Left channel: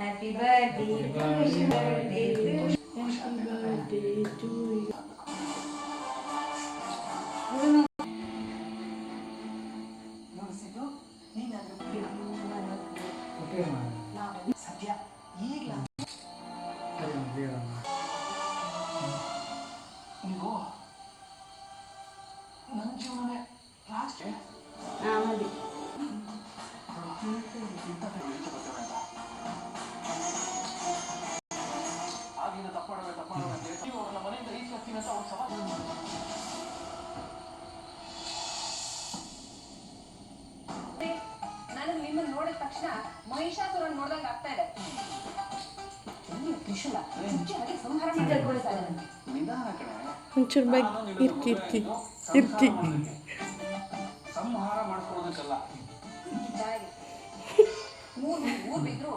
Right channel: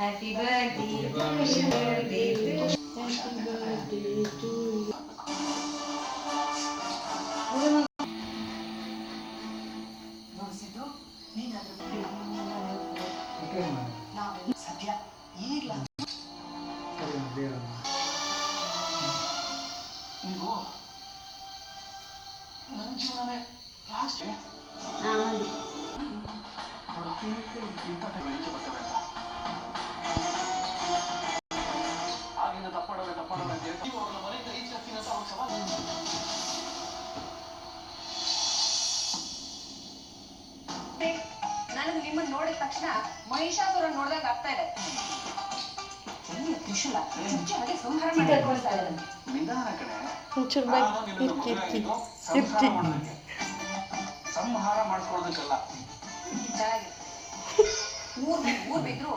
Happy birthday to you. Happy birthday to you. ಸದ್ಯ ಈಗಲ ನೀವು ನನ್ನ ಜೀವನನೇ ಲಾಸ್ಟ್ ಆಗಿನ ತಪ್ಪಾಡೋರೆ ಅಂತ ಹೇಳ್ತೀವಿ ಅವ್ರನ್ನ ಮನೆಯಿಂದ ಈಚೆ ಹತ್ತಿನ ಅಂತ ಒಂದು ಸವಾಲು. ನನಗೆ ನಿಮ್ಮನ್ನ ನೋಡಿದ ತಕ್ಷಣ ಮಹಿಷಾಸುರನ್ ನೋಡ್ದಂಗ ಆಗ್ತಾ ಇದೆ. ತ್ರಿಶೂಲ ಹಾಗೆ ಸಂಹಾರ ಮಾಡಿ ನಿಧಾನ ಕಡೆ ಸಂಹಾರ ಮಾಡಿಸ್ಕೊಳ್ಳೋದಕ್ಕಲ್ಲ. ಊರ್ ಬಿದ್ರು